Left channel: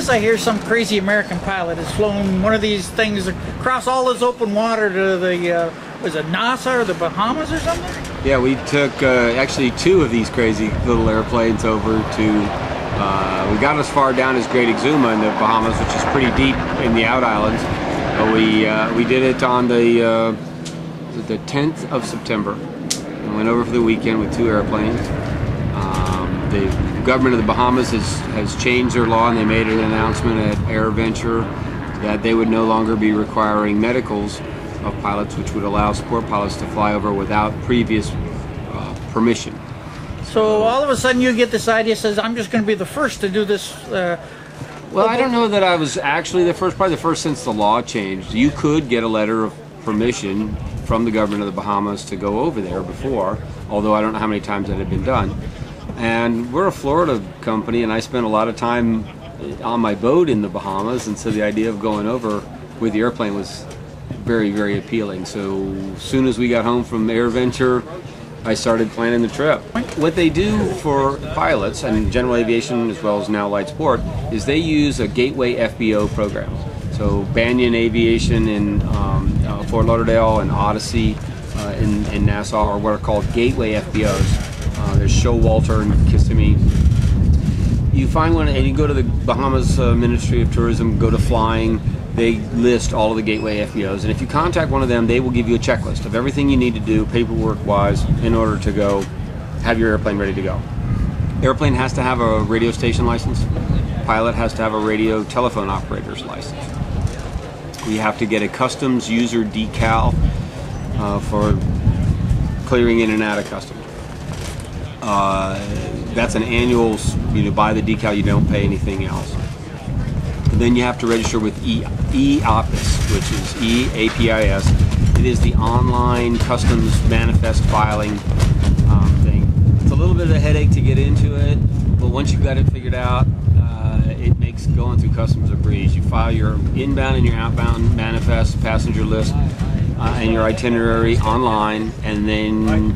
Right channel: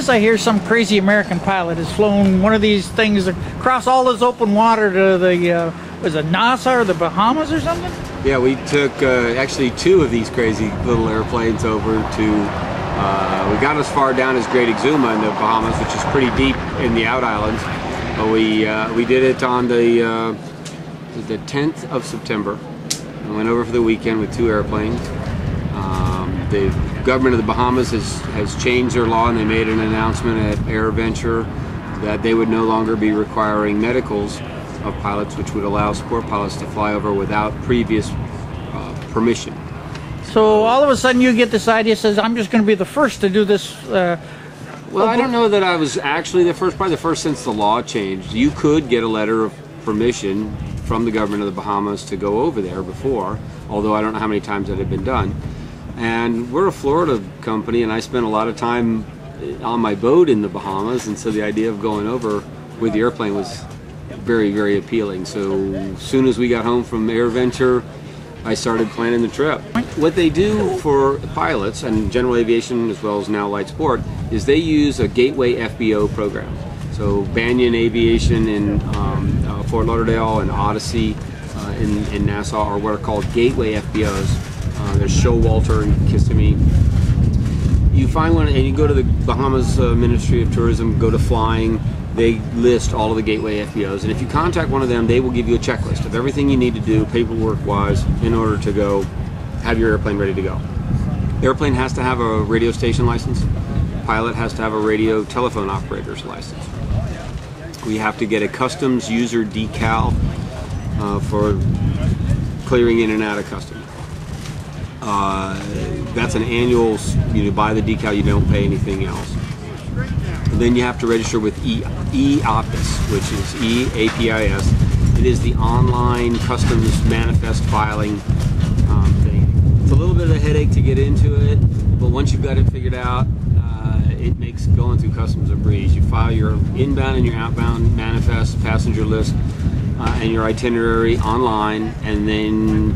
this? I hear some crazy American pilot has flown one of these things across all this open water to the, was it Nassau or the Bahamas or something? Yeah, we took actually 2 of these crazy little airplanes over to, we got as far down as Great Exuma in the Bahamas, which is pretty deep in the out islands. But we did it on the 10th of September. We went over for the weekend with 2 airplanes. The government of the Bahamas has changed their law, and they made an announcement at AirVenture that they would no longer be requiring medicals of pilots, which would allow sport pilots to fly over without previous permission. So all of a sudden you get this idea, says, I'm just going to be the first to do this. Well, I don't know that I was actually the first, probably the first since the law changed. You could get a letter of permission from the government of the Bahamas to go over there before, although I don't know how many times that had been done. And we're a Florida company, and I spent a lot of time on my boat in the Bahamas, and so the idea of going over with the airplane was very, very appealing. So as soon as we got home from AirVenture, I started planning the trip. What they do for pilots, and general aviation as well as now Lightsport, is they use a Gateway FBO program. So Banyan Aviation in Fort Lauderdale and Odyssey in Nassau are what are called Gateway FBOs. There's Showalter and Kissimmee. You find one and you go to the Bahamas Ministry of Tourism, go to flying, they list all of the Gateway FBOs, and if you contact one of them, they will give you a checklist of everything you need to do paperwork-wise in order to go have your airplane ready to go. Airplane has to have a radio station license. Pilot has to have a radio telephone operator's license. We have to get a customs user decal for clearing in and out of customs. That's an annual, you buy the decal, you don't pay anything else. And then you have to register with EAPIS, which is EAPIS. It is the online customs manifest filing thing. It's a little bit of a headache to get into it, but once you've got it figured out, it makes going through customs a breeze. You file your inbound and your outbound manifest, passenger list, and your itinerary online, and then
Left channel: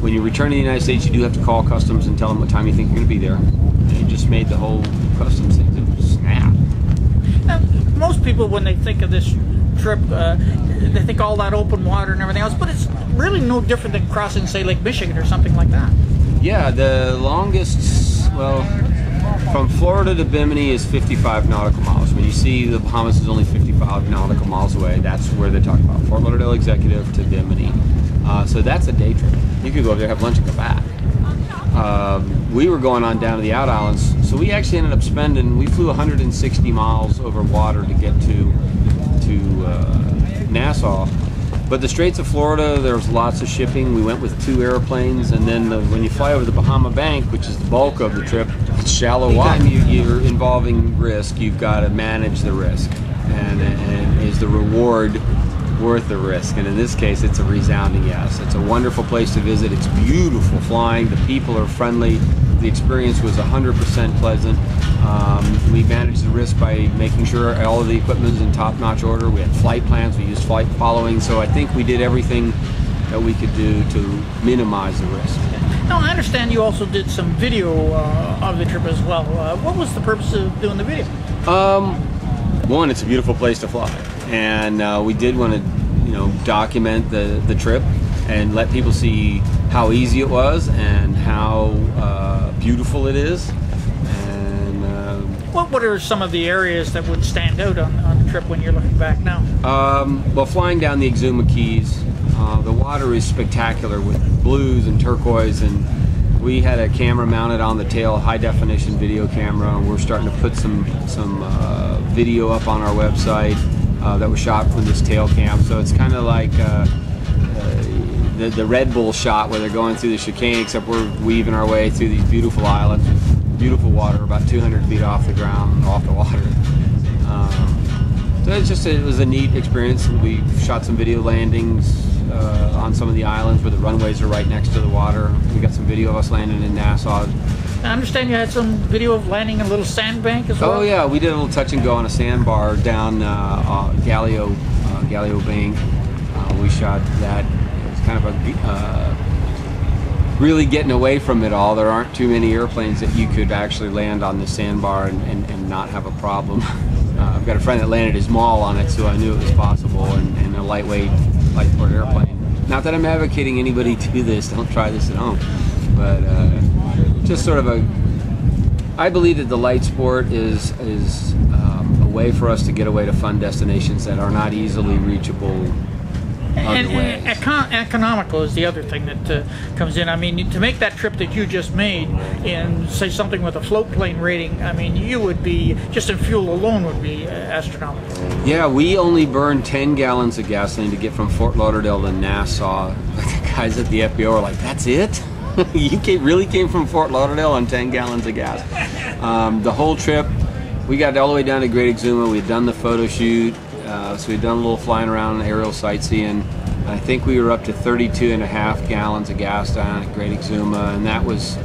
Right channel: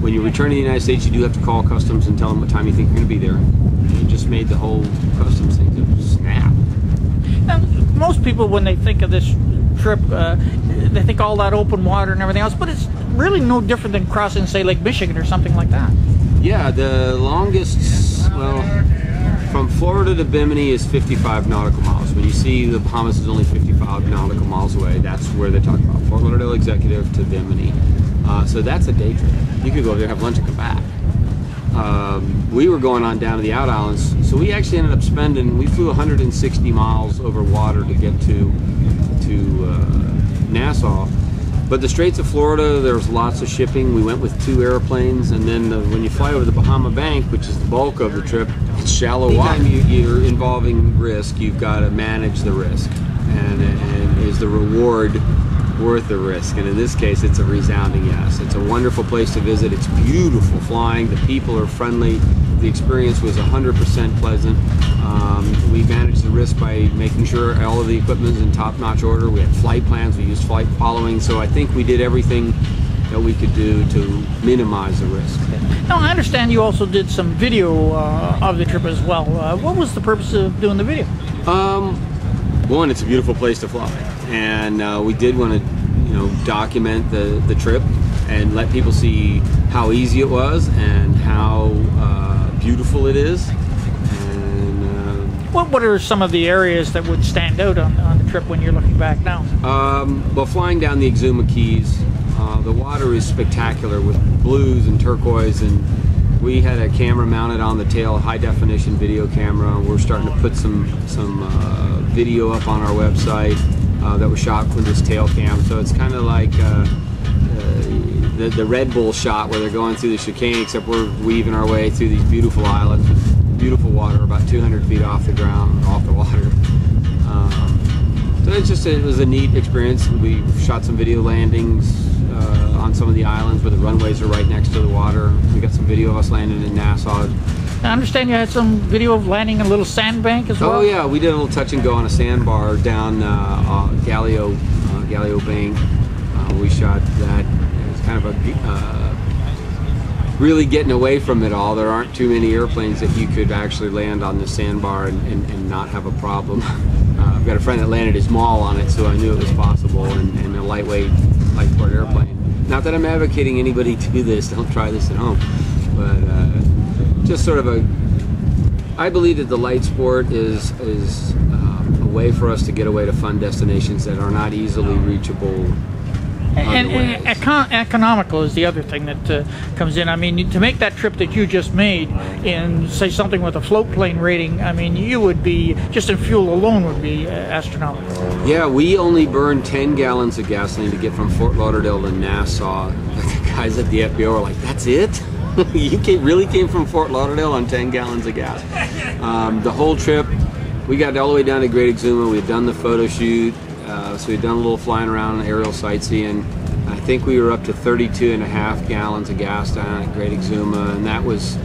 when you return to the United States, you do have to call customs and tell them what time you think you're going to be there. And it just made the whole customs thing to snap. Most people, when they think of this trip, they think all that open water and everything else, but it's really no different than crossing, say, Lake Michigan or something like that. Yeah, the longest, well, from Florida to Bimini is 55 nautical miles. When you see the Bahamas is only 55 nautical miles away, that's where they talk about. Fort Lauderdale Executive to Bimini. So that's a day trip. You could go over there, have lunch, and come back. We were going on down to the out islands, so we actually ended up spending, we flew 160 miles over water to get to Nassau. But the Straits of Florida, there's lots of shipping. We went with 2 airplanes, and then when you fly over the Bahama Bank, which is the bulk of the trip, it's shallow water. Anytime you're involving risk, you've got to manage the risk. And is the reward worth the risk? And in this case, it's a resounding yes. It's a wonderful place to visit. It's beautiful flying. The people are friendly. The experience was 100% pleasant. We managed the risk by making sure all of the equipment was in top-notch order. We had flight plans. We used flight following. So I think we did everything that we could do to minimize the risk. Now, I understand you also did some video of the trip as well. What was the purpose of doing the video? One, it's a beautiful place to fly, and we did want to, document the trip and let people see how easy it was and how beautiful it is. And what are some of the areas that would stand out on the trip when you're looking back now? Well, flying down the Exuma Keys, the water is spectacular with blues and turquoise, and we had a camera mounted on the tail, high definition video camera, and we're starting to put some video up on our website that was shot from this tail cam. So it's kind of like the Red Bull shot where they're going through the chicane, except we're weaving our way through these beautiful islands with beautiful water about 200 feet off the ground, off the water. So it was a neat experience. We shot some video landings on some of the islands where the runways are right next to the water. We got some video of us landing in Nassau. I understand you had some video of landing in a little sandbank as well? Oh yeah, we did a little touch and go on a sandbar down Gallio Bank. We shot that. It was kind of a really getting away from it all. There aren't too many airplanes that you could actually land on the sandbar and not have a problem. I've got a friend that landed his maul on it, so I knew it was possible, and a lightweight Lightsport airplane. Not that I'm advocating anybody do this, don't try this at home, but just sort of I believe that the Lightsport is a way for us to get away to fun destinations that are not easily reachable other ways. Economical is the other thing that comes in. I mean, to make that trip that you just made in, say, something with a float plane rating, I mean, you would be, just in fuel alone would be astronomical. Yeah, we only burned 10 gallons of gasoline to get from Fort Lauderdale to Nassau. The guys at the FBO were like, "That's it? You really came from Fort Lauderdale on 10 gallons of gas?" The whole trip, we got all the way down to Great Exuma. We had done the photo shoot. So we'd done a little flying around, aerial sightseeing. I think we were up to 32.5 gallons of gas down at Great Exuma, and that was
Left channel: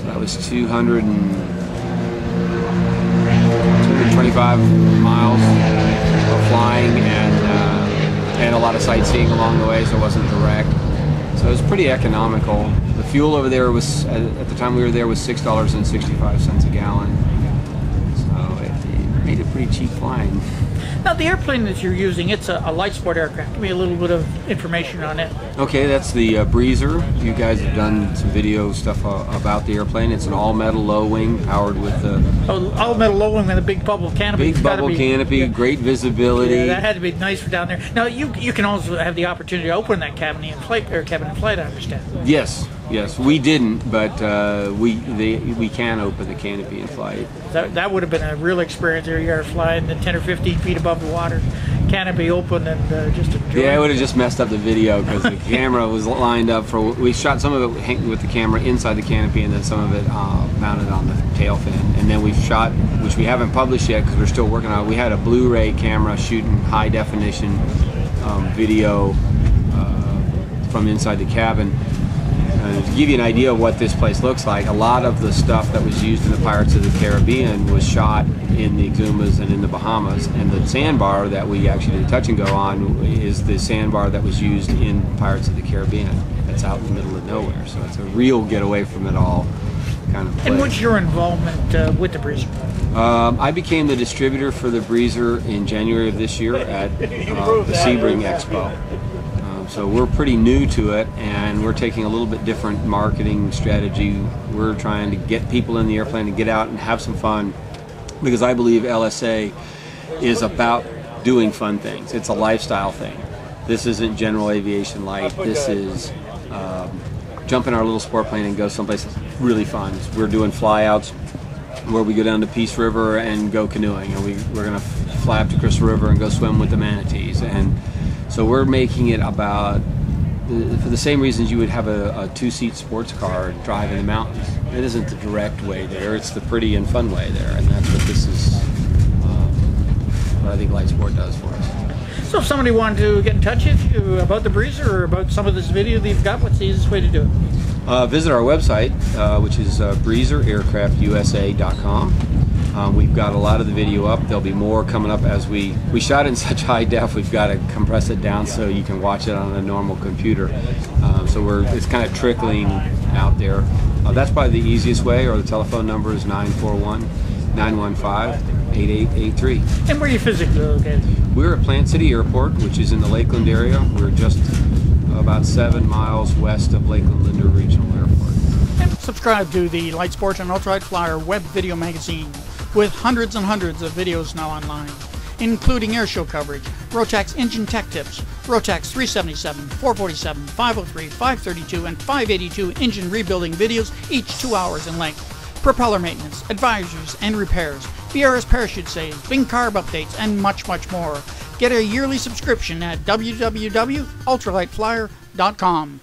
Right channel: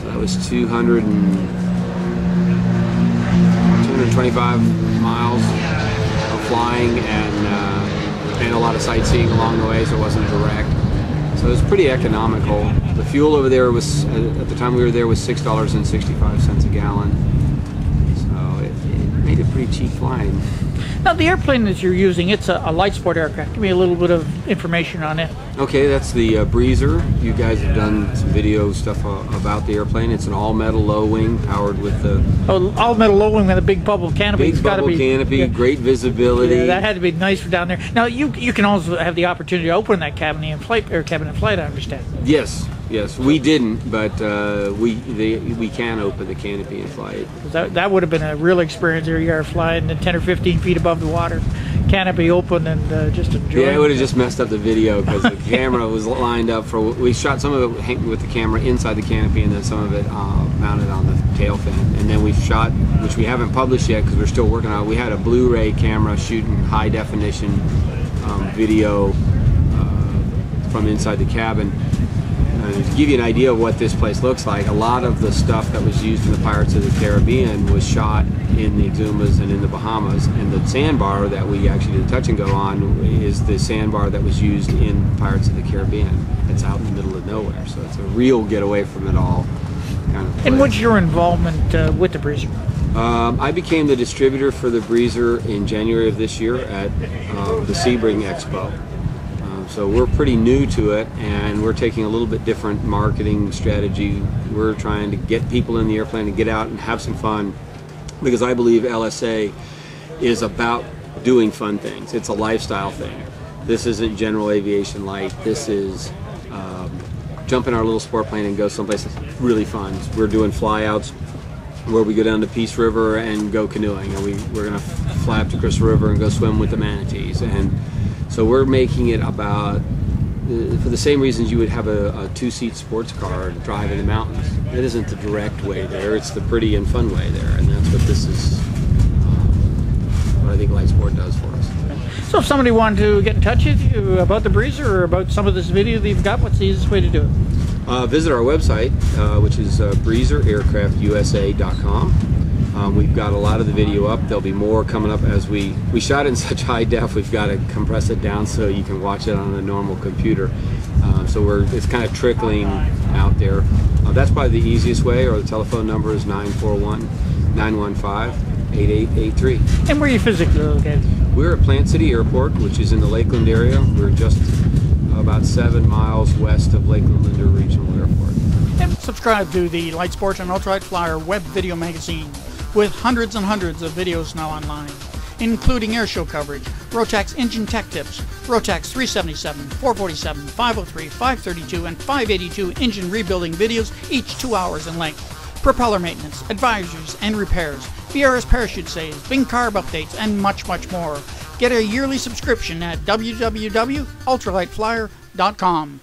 225 miles of flying and a lot of sightseeing along the way, so it wasn't direct. So it was pretty economical. The fuel over there was, at the time we were there, was $6.65 a gallon. So it made it pretty cheap flying. Now, the airplane that you're using, it's a Lightsport aircraft. Give me a little bit of information on it. Okay, that's the Breezer. You guys have done some video stuff about the airplane. It's an all-metal low-wing powered with the... all-metal low-wing and a big bubble canopy. Big bubble canopy, great visibility. That had to be nice down there. Now, you can also have the opportunity to open that cabin in flight, I understand. Yes, we didn't, but we can open the canopy in flight. That would have been a real experience there. You are flying 10 or 15 feet above the water, canopy open, and yeah, it would have just messed up the video because the camera was lined up for. We shot some of it with the camera inside the canopy, and then some of it mounted on the tail fin. And then we've shot, which we haven't published yet because we're still working on it. We had a Blu-ray camera shooting high definition video from inside the cabin. To give you an idea of what this place looks like, a lot of the stuff that was used in the Pirates of the Caribbean was shot in the Exumas and in the Bahamas, and the sandbar that we actually did a touch and go on is the sandbar that was used in Pirates of the Caribbean. It's out in the middle of nowhere, so it's a real get away from it all kind of place. And what's your involvement with the Breezer? I became the distributor for the Breezer in January of this year at the Sebring Expo. So we're pretty new to it, and we're taking a little bit different marketing strategy. We're trying to get people in the airplane and get out and have some fun, because I believe LSA is about doing fun things. It's a lifestyle thing. This isn't general aviation light. This is jump in our little sport plane and go someplace that's really fun. We're doing flyouts where we go down to Peace River and go canoeing, and we're going to fly up to Crystal River and go swim with the manatees. And so we're making it about, for the same reasons you would have a two-seat sports car and drive in the mountains. It isn't the direct way there, it's the pretty and fun way there, and that's what this is, what I think Lightsport does for us. So if somebody wanted to get in touch with you about the Breezer or about some of this video that you've got, what's the easiest way to do it? Visit our website, which is breezeraircraftusa.com. We've got a lot of the video up. There'll be more coming up as we shot in such high def. We've got to compress it down so you can watch it on a normal computer. So it's kind of trickling out there. That's probably the easiest way, or the telephone number is 941-915-8883. And where are you physically? We're at Plant City Airport, which is in the Lakeland area. We're just about 7 miles west of Lakeland Linder Regional Airport. Subscribe to the Lightsport and Ultralight Flyer web video magazine, with hundreds and hundreds of videos now online, including airshow coverage, Rotax engine tech tips, Rotax 377, 447, 503, 532, and 582 engine rebuilding videos, each 2 hours in length, propeller maintenance, advisories and repairs, VRS parachute saves, Bing carb updates, and much, much more. Get a yearly subscription at www.ultralightflyer.com.